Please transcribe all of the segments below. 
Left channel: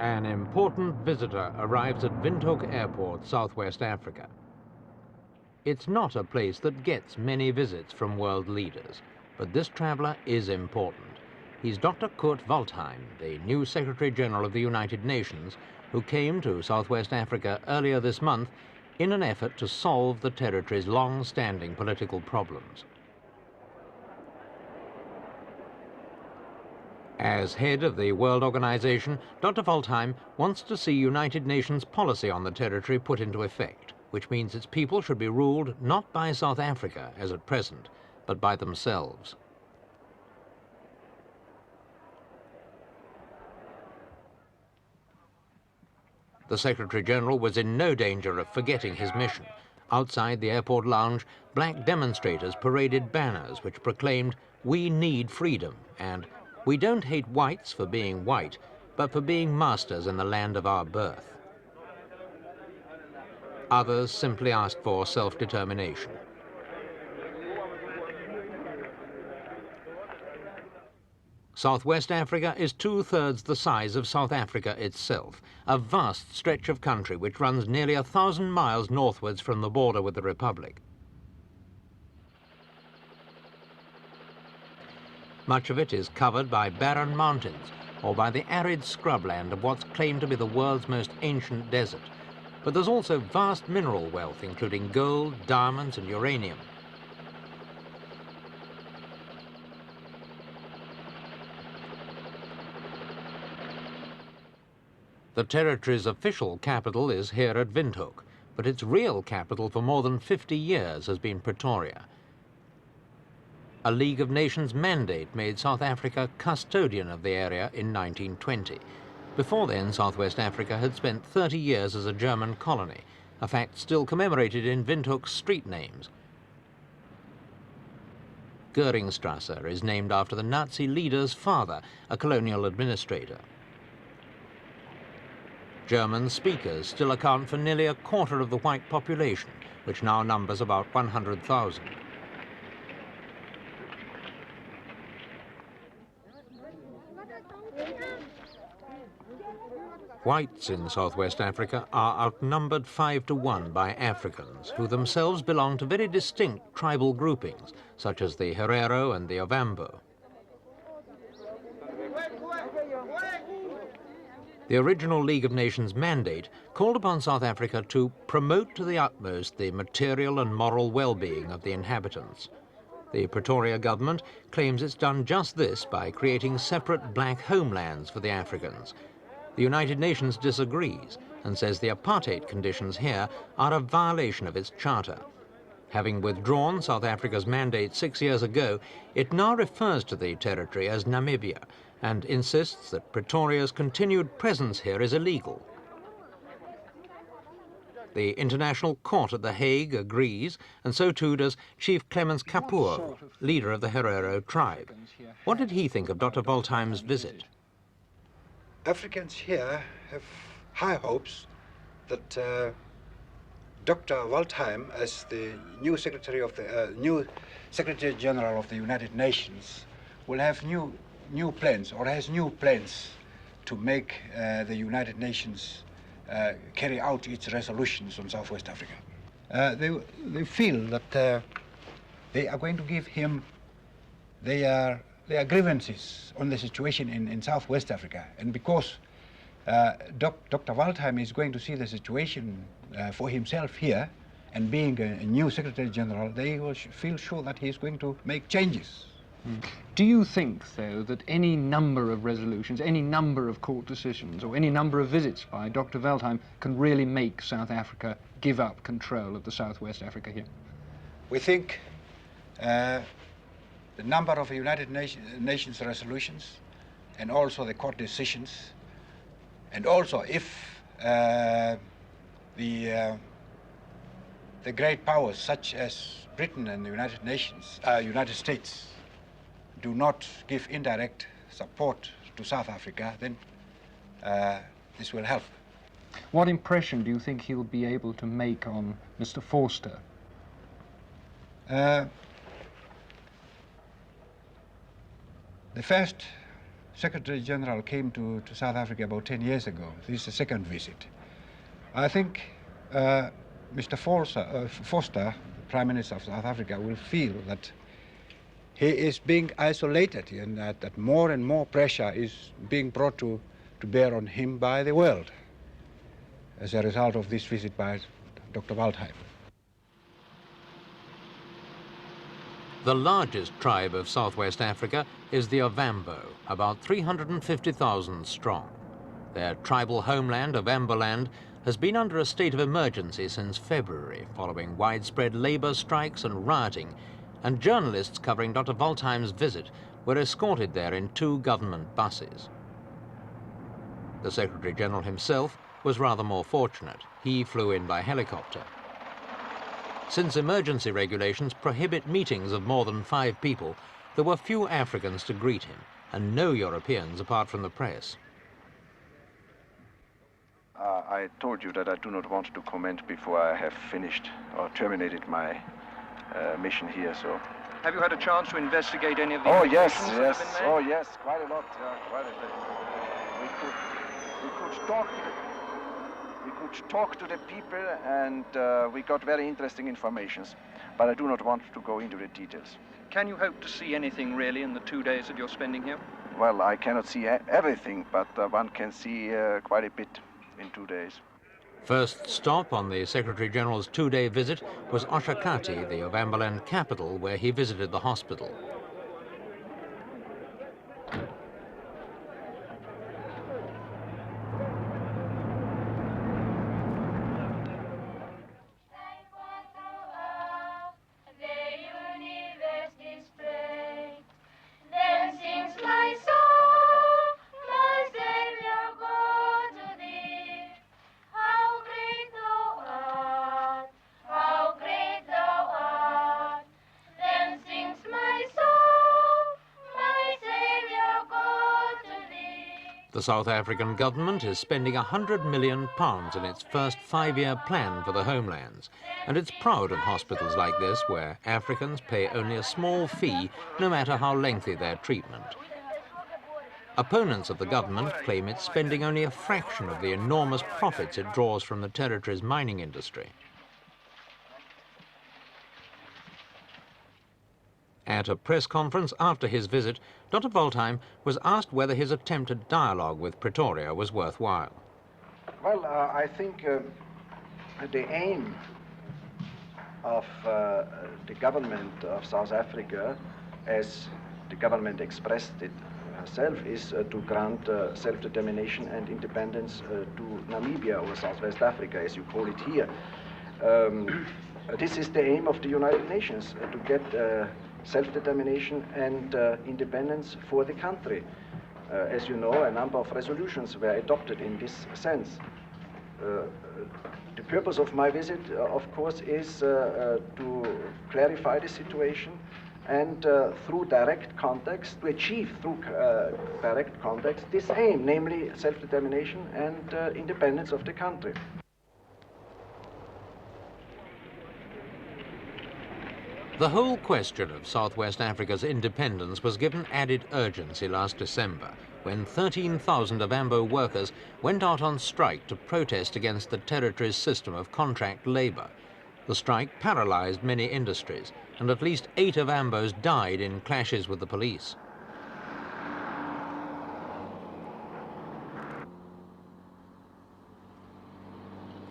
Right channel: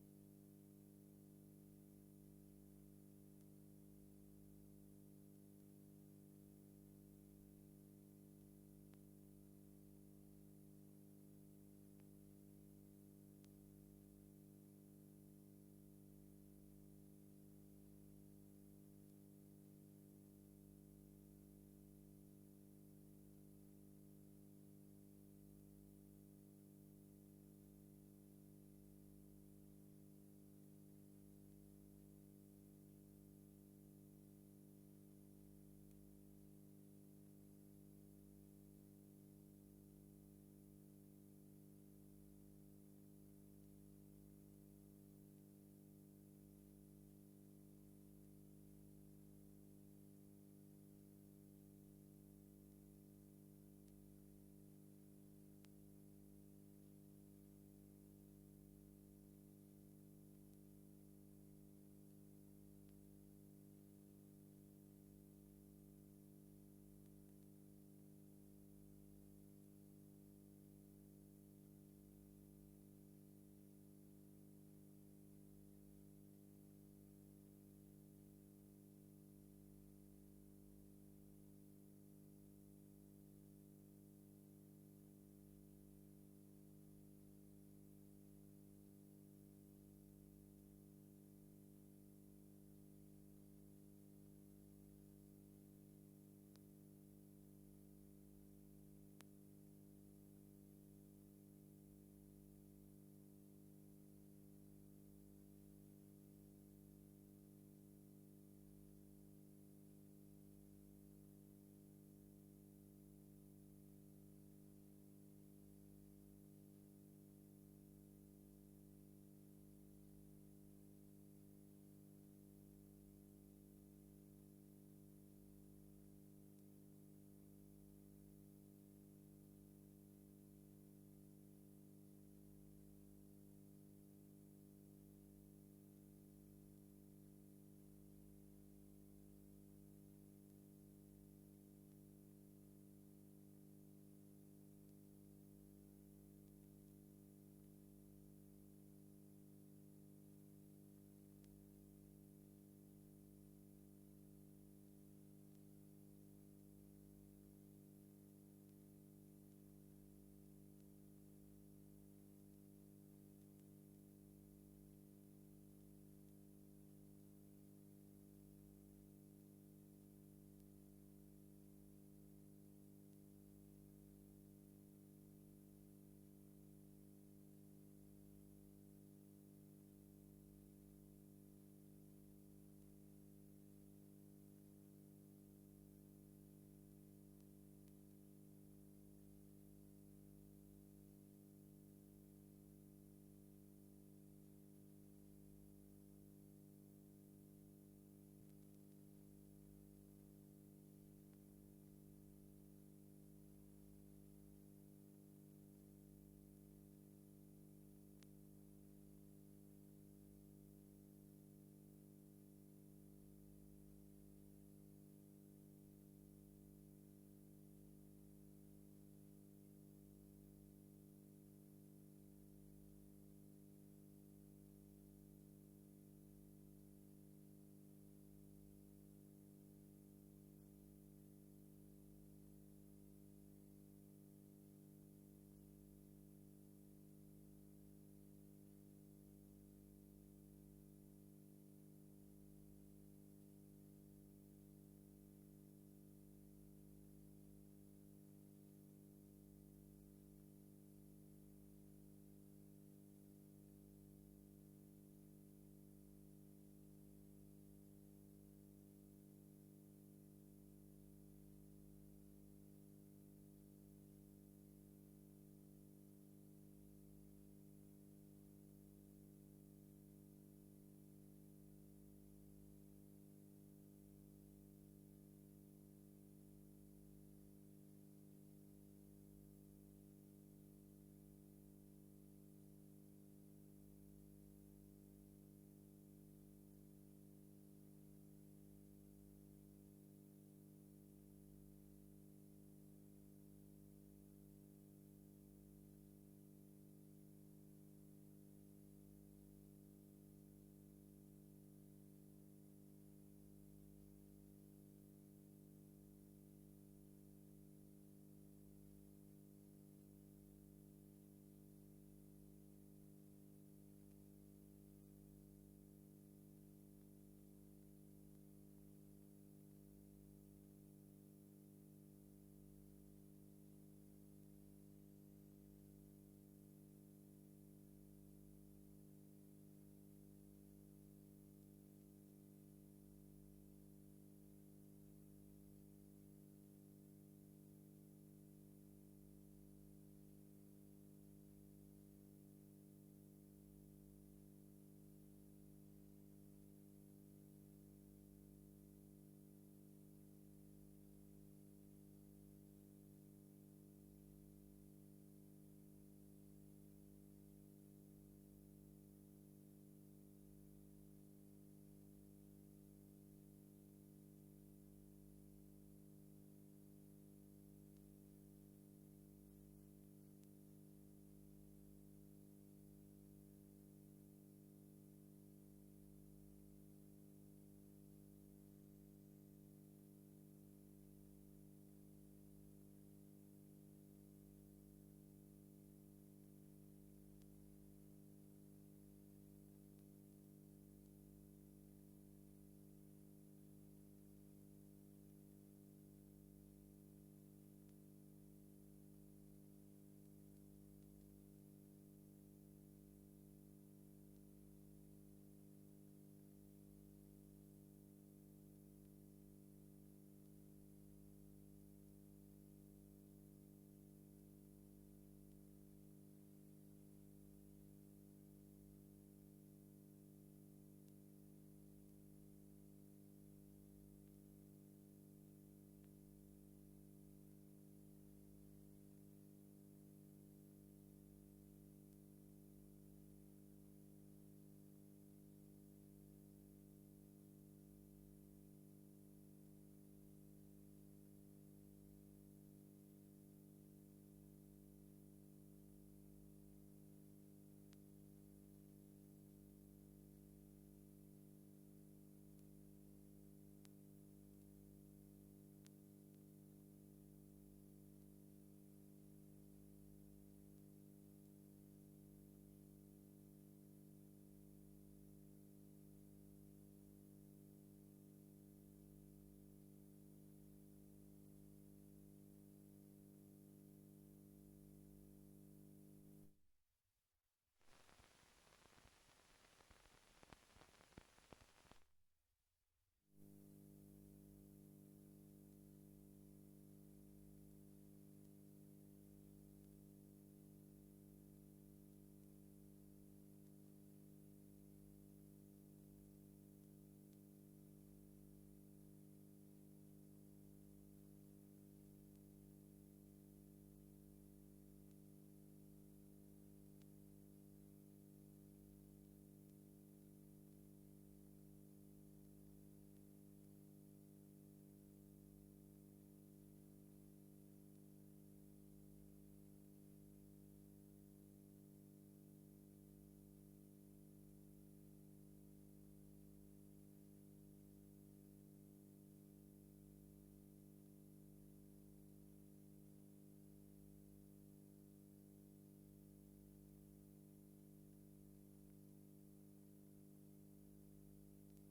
An important visitor arrives at Windhoek Airport, Southwest Africa. It's not a place that gets many visits from world leaders, but this traveller is important. He's Dr. Kurt Waldheim, the new Secretary General of the United Nations, who came to Southwest Africa earlier this month in an effort to solve the territory's long-standing political problems. As head of the World Organization, Dr. Waldheim wants to see United Nations policy on the territory put into effect, which means its people should be ruled not by South Africa, as at present, but by themselves. The Secretary-General was in no danger of forgetting his mission. Outside the airport lounge, black demonstrators paraded banners which proclaimed, "We need freedom," and "We don't hate whites for being white, but for being masters in the land of our birth." Others simply asked for self-determination. Southwest Africa is 2/3 the size of South Africa itself, a vast stretch of country which runs nearly 1,000 miles northwards from the border with the Republic. Much of it is covered by barren mountains or by the arid scrubland of what's claimed to be the world's most ancient desert. But there's also vast mineral wealth, including gold, diamonds and uranium. The territory's official capital is here at Windhoek, but its real capital for more than 50 years has been Pretoria. A League of Nations mandate made South Africa custodian of the area in 1920. Before then, Southwest Africa had spent 30 years as a German colony, a fact still commemorated in Windhoek's street names. Goeringstrasse is named after the Nazi leader's father, a colonial administrator. German speakers still account for nearly a quarter of the white population, which now numbers about 100,000. Whites in Southwest Africa are outnumbered 5-to-1 by Africans, who themselves belong to very distinct tribal groupings, such as the Herero and the Ovambo. The original League of Nations mandate called upon South Africa to promote to the utmost the material and moral well-being of the inhabitants. The Pretoria government claims it's done just this by creating separate black homelands for the Africans. The United Nations disagrees and says the apartheid conditions here are a violation of its charter. Having withdrawn South Africa's mandate 6 years ago, it now refers to the territory as Namibia and insists that Pretoria's continued presence here is illegal. The International Court at The Hague agrees, and so too does Chief Clemens Kapoor, leader of the Herero tribe. What did he think of Dr. Waldheim's visit? Africans here have high hopes that Dr. Waldheim, as the new Secretary General of the United Nations, will have new plans, or has new plans, to make the United Nations carry out its resolutions on Southwest Africa. They feel that they are going to give him their grievances on the situation in Southwest Africa, and because Dr. Waldheim is going to see the situation for himself here, and being a new Secretary General, they will feel sure that he is going to make changes. Do you think, though, that any number of resolutions, any number of court decisions, or any number of visits by Dr. Waldheim can really make South Africa give up control of the Southwest Africa here? We think the number of United Nations resolutions, and also the court decisions, and also if the great powers such as Britain and the United States do not give indirect support to South Africa, then this will help. What impression do you think he'll be able to make on Mr. Forster? The first Secretary General came to South Africa about 10 years ago. This is the second visit. I think Mr. Foster, Prime Minister of South Africa, will feel that he is being isolated and that more and more pressure is being brought to bear on him by the world as a result of this visit by Dr. Waldheim. The largest tribe of southwest Africa is the Ovambo, about 350,000 strong. Their tribal homeland, Ovamboland, has been under a state of emergency since February, following widespread labor strikes and rioting, and journalists covering Dr. Waldheim's visit were escorted there in 2 government buses. The Secretary-General himself was rather more fortunate. He flew in by helicopter. Since emergency regulations prohibit meetings of more than 5 people, there were few Africans to greet him, and no Europeans apart from the press. I told you that I do not want to comment before I have finished or terminated my mission here, so... Have you had a chance to investigate any of the yes, that have been made? oh yes, quite a lot, quite a bit. We could talk to the people, and we got very interesting informations, but I do not want to go into the details. Can you hope to see anything really in the 2 days that you're spending here? Well, I cannot see everything, but one can see quite a bit in 2 days. First stop on the Secretary-General's 2-day visit was Oshakati, the Ovamboland capital, where he visited the hospital. The South African government is spending £100 million in its first 5-year plan for the homelands, and it's proud of hospitals like this where Africans pay only a small fee no matter how lengthy their treatment. Opponents of the government claim it's spending only a fraction of the enormous profits it draws from the territory's mining industry. At a press conference after his visit, Dr. Waldheim was asked whether his attempt at dialogue with Pretoria was worthwhile. Well, I think the aim of the government of South Africa, as the government expressed it herself, is to grant self-determination and independence to Namibia, or Southwest Africa, as you call it here. This is the aim of the United Nations, to get self-determination and independence for the country. As you know, a number of resolutions were adopted in this sense. The purpose of my visit, of course, is to clarify the situation and through direct contacts, to achieve through direct contacts this aim, namely self-determination and independence of the country. The whole question of Southwest Africa's independence was given added urgency last December, when 13,000 Ovambo workers went out on strike to protest against the territory's system of contract labor. The strike paralyzed many industries, and at least 8 Ovambos died in clashes with the police.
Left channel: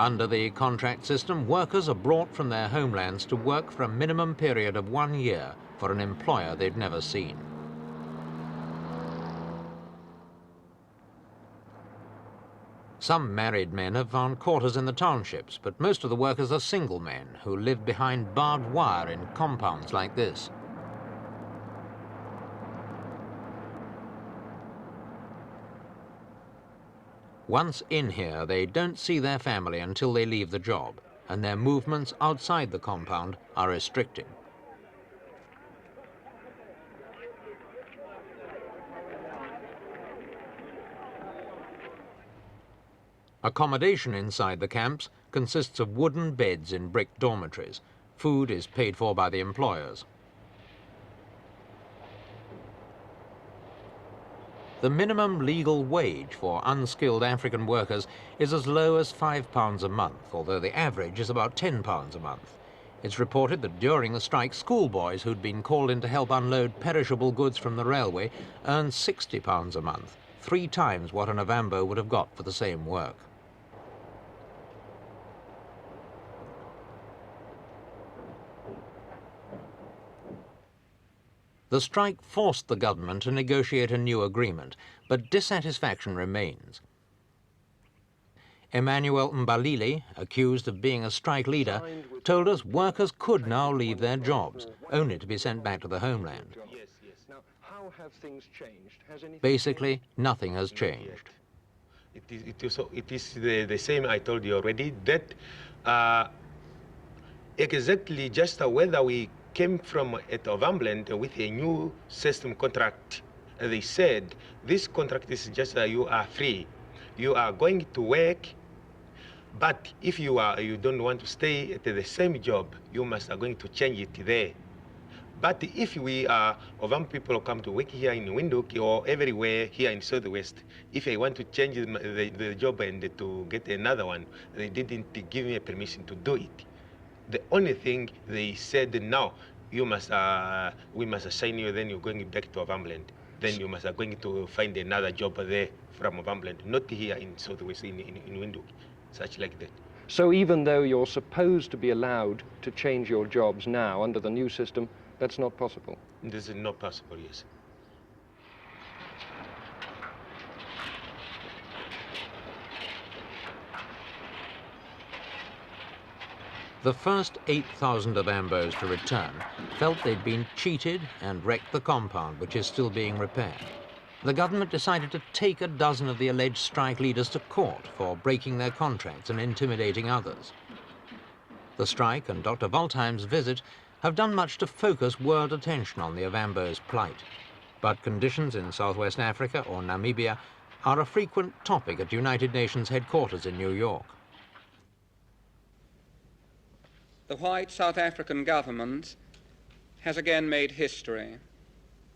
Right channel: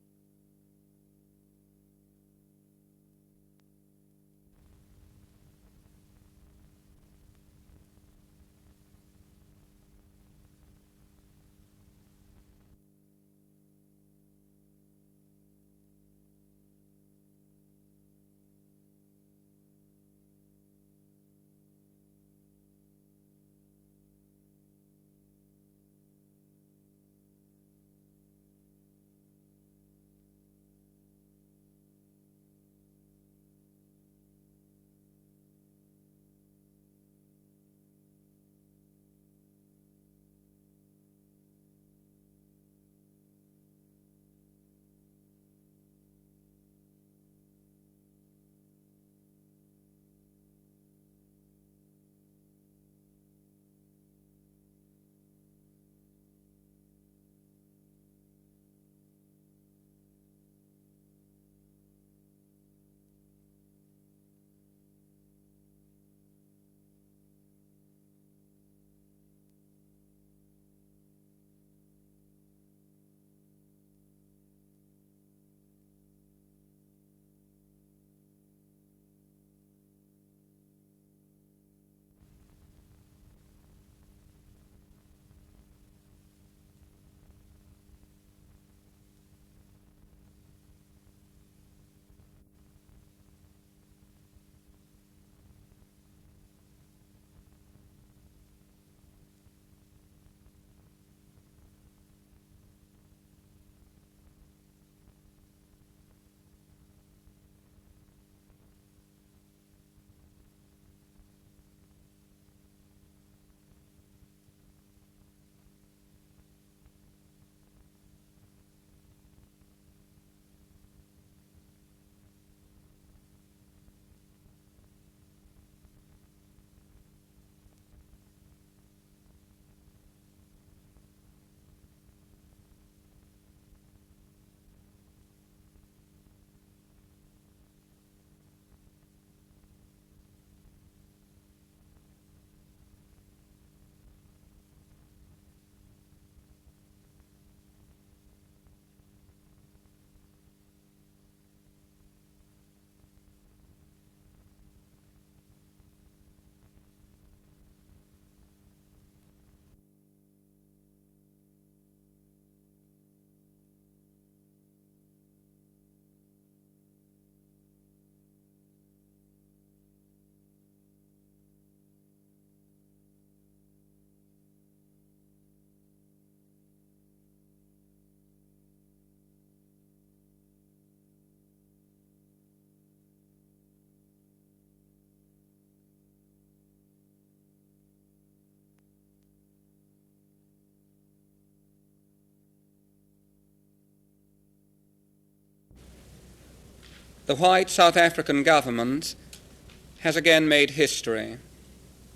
Under the contract system, workers are brought from their homelands to work for a minimum period of 1 year for an employer they've never seen. Some married men have found quarters in the townships, but most of the workers are single men who live behind barbed wire in compounds like this. Once in here, they don't see their family until they leave the job, and their movements outside the compound are restricted. Accommodation inside the camps consists of wooden beds in brick dormitories. Food is paid for by the employers. The minimum legal wage for unskilled African workers is as low as £5 a month, although the average is about £10 a month. It's reported that during the strike, schoolboys who'd been called in to help unload perishable goods from the railway earned £60 a month, 3 times what an Ovambo would have got for the same work. The strike forced the government to negotiate a new agreement, but dissatisfaction remains. Emmanuel Mbalili, accused of being a strike leader, told us workers could now leave their jobs, only to be sent back to the homeland. Now, how have things changed? Basically, nothing has changed. It is the same I told you already, that exactly just whether we came from at Ovamboland with a new system contract. They said, this contract is just you are free. You are going to work, but if you don't want to stay at the same job, you are going to change it there. But if we Ovambo people come to work here in Windhoek or everywhere here in Southwest, if I want to change the job and to get another one, they didn't give me a permission to do it. The only thing they said, now you must, we must assign you, then you're going back to Ovamboland. Then you must going to find another job there from Ovamboland, not here in Southwest, in Windhoek, such like that. So even though you're supposed to be allowed to change your jobs now under the new system, that's not possible? This is not possible, yes. The first 8,000 Ovambos to return felt they'd been cheated and wrecked the compound, which is still being repaired. The government decided to take a dozen of the alleged strike leaders to court for breaking their contracts and intimidating others. The strike and Dr. Waldheim's visit have done much to focus world attention on the Ovambo's plight. But conditions in Southwest Africa or Namibia are a frequent topic at United Nations headquarters in New York. The white South African government has again made history.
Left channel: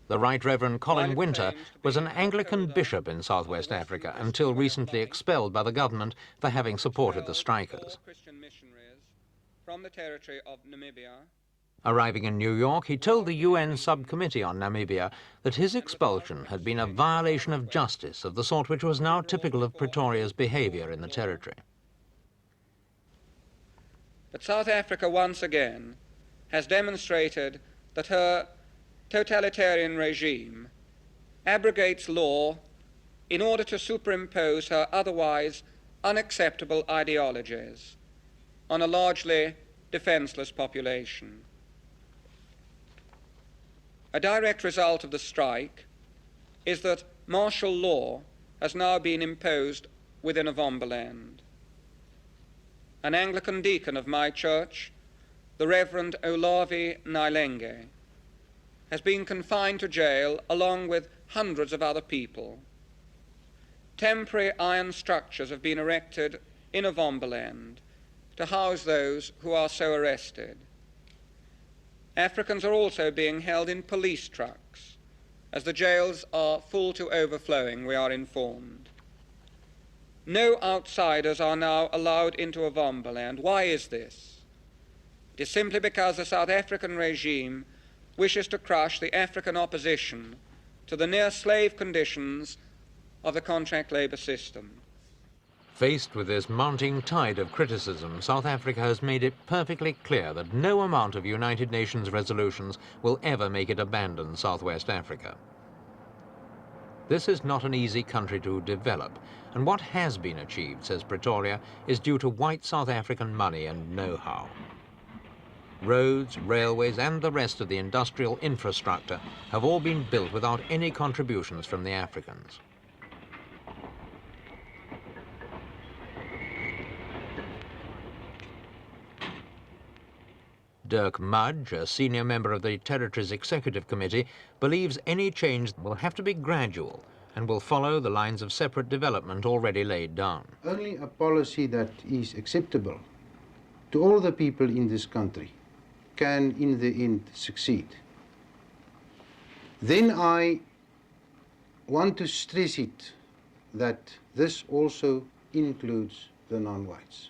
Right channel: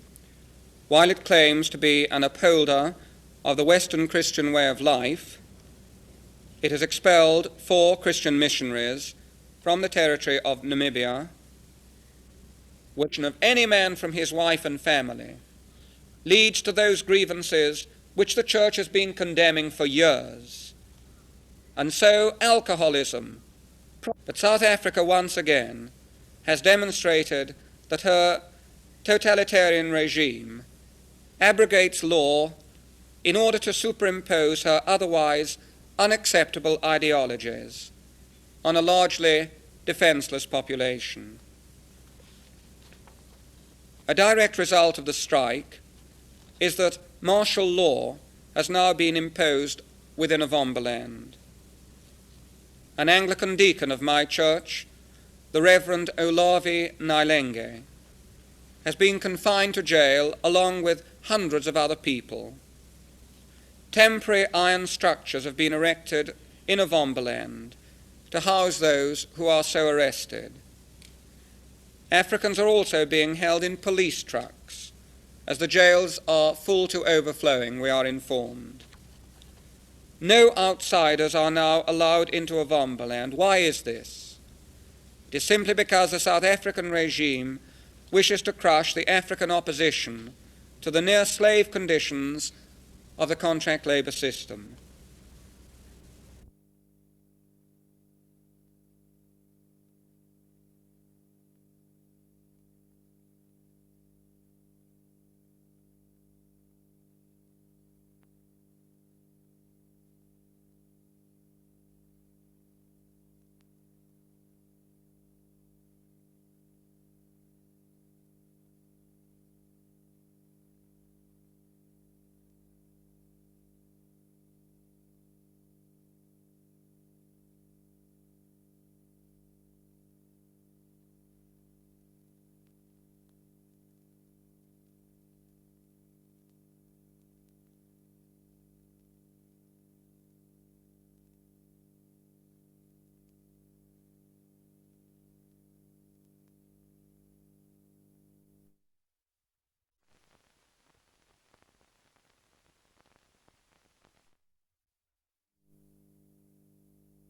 The Right Reverend Colin While it Winter claims to be was an Anglican upholder bishop in Southwest of the Western Africa, Christian until way of recently life, expelled by the government for having it has supported the expelled strikers. 4 Christian missionaries from the territory of Namibia, Arriving in New York, he which told the any UN man from his subcommittee on wife and Namibia family that his expulsion leads had to been a those violation of grievances justice which of the the sort Church which has was been now typical condemning of for Pretoria's years. behavior in the territory. and so alcoholism. But South Africa once again has demonstrated that her totalitarian regime abrogates law in order to superimpose her otherwise unacceptable ideologies on a largely defenseless population. A direct result of the strike is that martial law has now been imposed within Ovamboland. An Anglican deacon of my church, the Reverend Olavi Nailenge, has been confined to jail along with hundreds of other people. Temporary iron structures have been erected in Ovamboland to house those who are so arrested. Africans are also being held in police trucks, as the jails are full to overflowing, we are informed. No outsiders are now allowed into Ovamboland. Why is this? It is simply because the South African regime wishes to crush the African opposition to the near-slave conditions of the contract labour system. Faced with this mounting tide of criticism, South Africa has made it perfectly clear that no amount of United Nations resolutions will ever make it abandon Southwest Africa. This is not an easy country to develop, and what has been achieved, says Pretoria, is due to white South African money and know-how. Roads, railways, and the rest of the industrial infrastructure have all been built without any contributions from the Africans. Dirk Mudge, a senior member of the Territory's Executive Committee, believes any change will have to be gradual and will follow the lines of separate development already laid down. Only a policy that is acceptable to all the people in this country can, in the end, succeed. Then I want to stress it that this also includes the non-whites.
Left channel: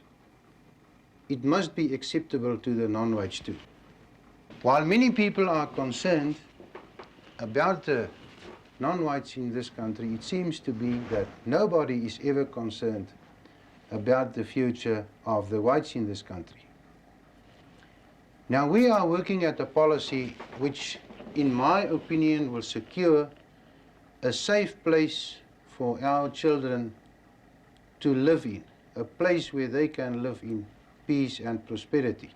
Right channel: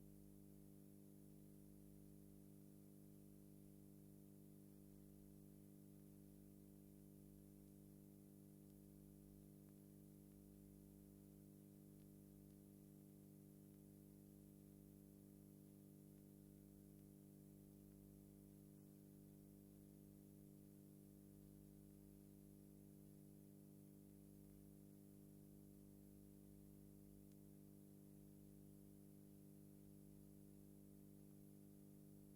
It must be acceptable to the non-whites too. While many people are concerned about the non-whites in this country, it seems to be that nobody is ever concerned about the future of the whites in this country. Now, we are working at a policy which, in my opinion, will secure a safe place for our children to live in, a place where they can live in peace and prosperity.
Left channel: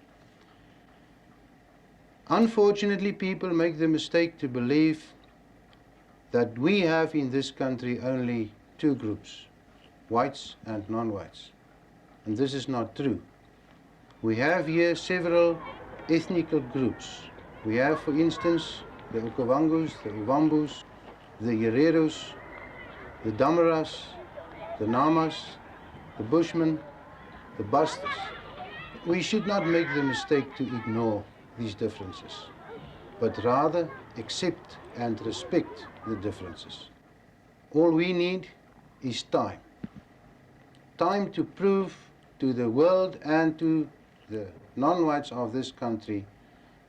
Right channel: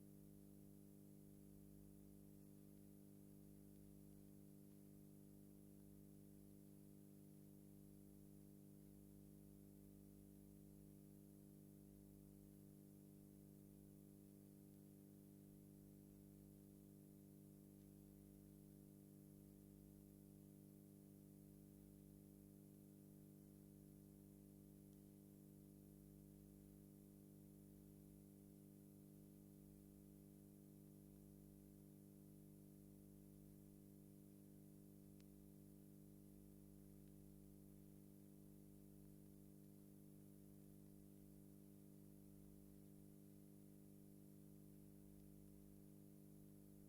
Unfortunately, people make the mistake to believe that we have in this country only two groups, whites and non-whites. And this is not true. We have here several ethnical groups. We have, for instance, the Okavangos, the Ovambos, the Hereros, the Damaras, the Namas, the Bushmen, the Bastas. We should not make the mistake to ignore these differences, but rather accept and respect the differences. All we need is time. Time to prove to the world and to the non-whites of this country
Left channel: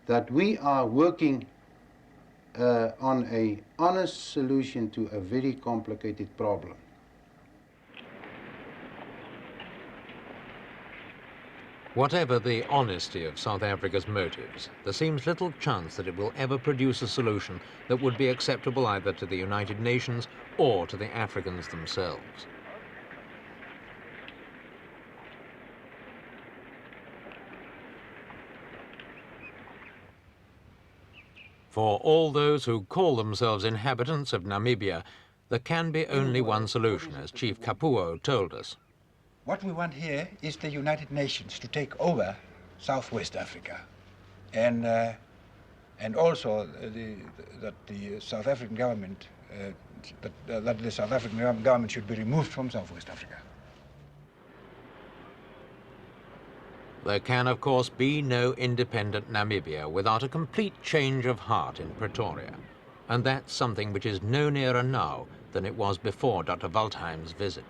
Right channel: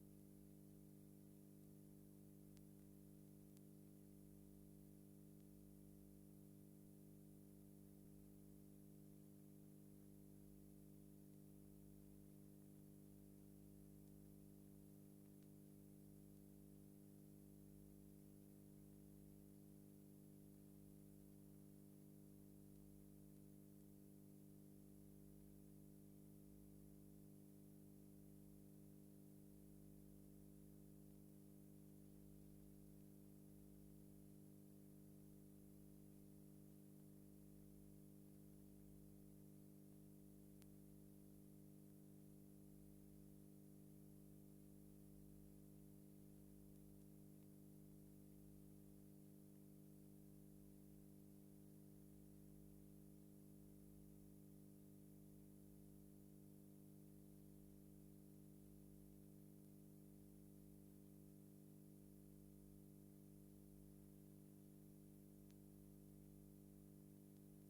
that we are working on an honest solution to a very complicated problem. Whatever the honesty of South Africa's motives, there seems little chance that it will ever produce a solution that would be acceptable either to the United Nations or to the Africans themselves. For all those who call themselves inhabitants of Namibia, there can be only one solution, as Chief Kapuo told us. What we want here is the United Nations to take over Southwest Africa, and also that the South African government that the South African government should be removed from Southwest Africa. There can, of course, be no independent Namibia without a complete change of heart in Pretoria, and that's something which is no nearer now than it was before Dr. Waldheim's visit.